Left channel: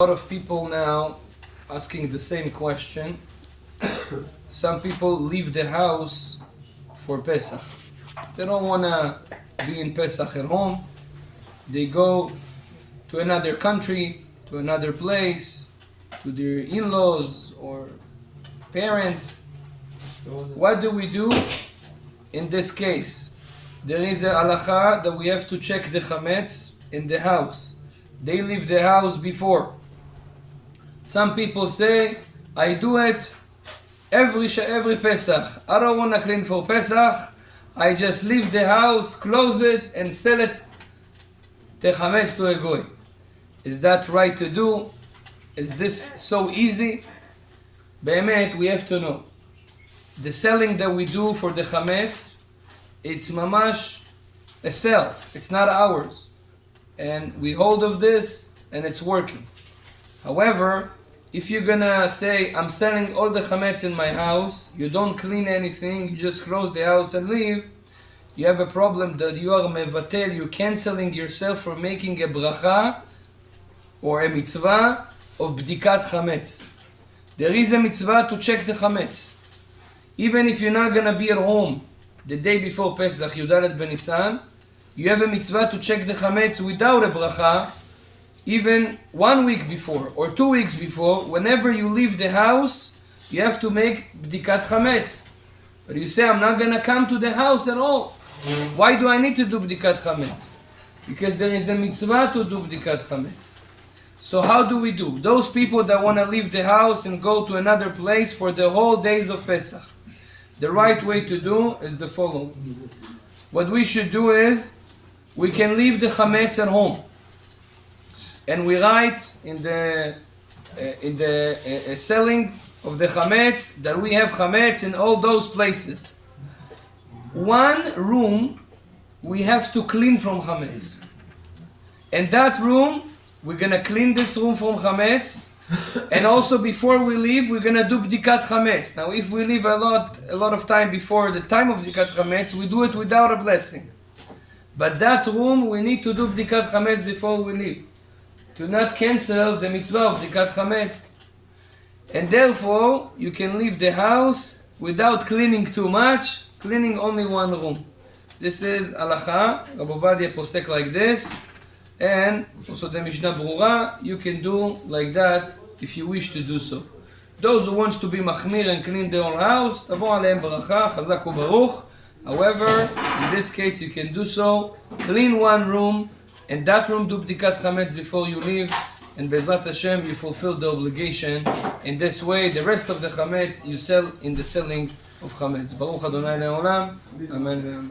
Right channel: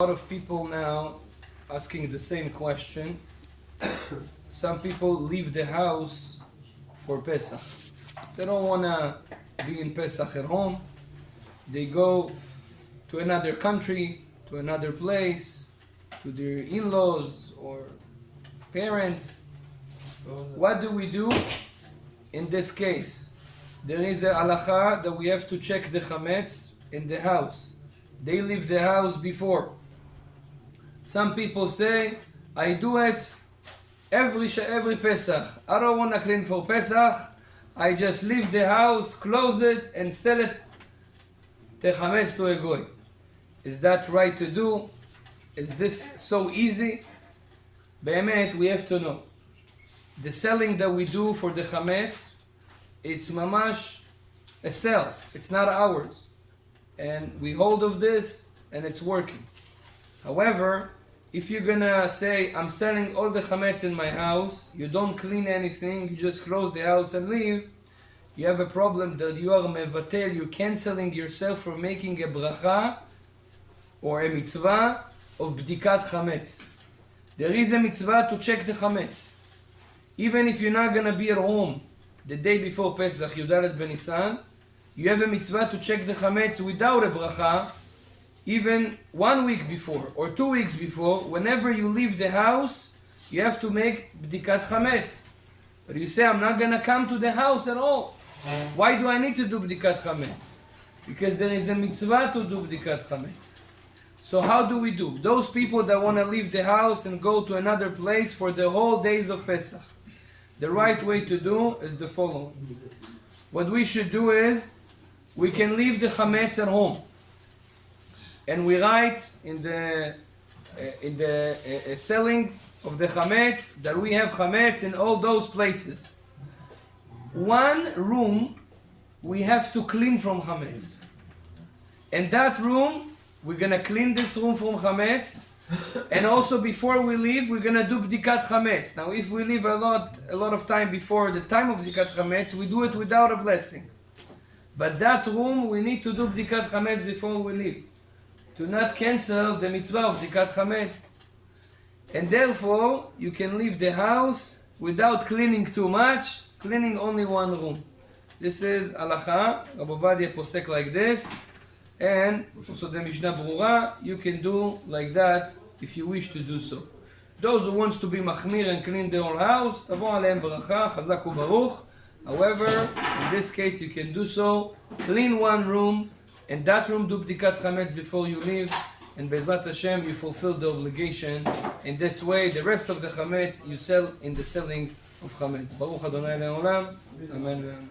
A lot of people now asking the same question. Some people leave the house for Pesach. They don't want to be in Pesach at home. They go to another country, to another place, to their in-laws or parents. What do we do in this case? There is a halacha that we have to check the Chametz in the house. They leave the house before. Some people say, I do it every Pesach. I don't want to clean for Pesach. I just leave the house, close it, and sell it the Chametz to a goy. Is that right to do? Is this so easy? Be'emet, we have to know. The selling that we do for the Chametz, it's mamash a sell. It's not ours. And we hold of this, and it's working. However, if you're gonna say, I'm selling all the Chametz in my house, you don't clean anything, you just close the house and leave, you have a problem that you are mevatel, you're canceling yourself from making a bracha or a mitzvah of bdikat Chametz. There is a mitzvah to check the Chametz. Even if you're not gonna be at home the day before Pesach, Yudalet Benisan, you have a mitzvah to check the Chametz without a bracha, even 1 week before or 2 weeks before. Whenever you leave the house, you have to make bdikat Chametz. But you say, I'm not going to come to the house at all. Why do I need to do bdikat Chametz? Because there is a mitzvah to do bdikat Chametz. So how do we do? Those people that want to leave the house and go to another place for the whole days of Pesach, the right way to do is the following. What we should do is, we can leave the Chametz at home. And we write in the selling of the Chametz that we have Chametz in all those places. One room we have to clean from Chametz. And that room, we're going to clean this room from Chametz. And also before we leave, we're going to do bdikat Chametz. Now if we leave a lot of time before the time of bdikat Chametz, we do it without a blessing. But that room, we need to do bdikat Chametz before we leave, to not cancel the mitzvah of bdikat Chametz. And therefore, you can leave the house without cleaning too much, cleaning only one room. This is halacha. Rabbi posek like this. And also the Mishnah Brura, you can do like that if you wish to do so. Those who wants to be machmir and clean their own house, tavo aleim baracha, chazak u'baruch. However, in this case you can do so, clean one room, and that room do bdikat Chametz before you leave, and Be'ezrat Hashem you fulfill the obligation. In this way, the rest of the Chametz you sell in the selling of Chametz. Baruch Adonai Le'olam. Amen.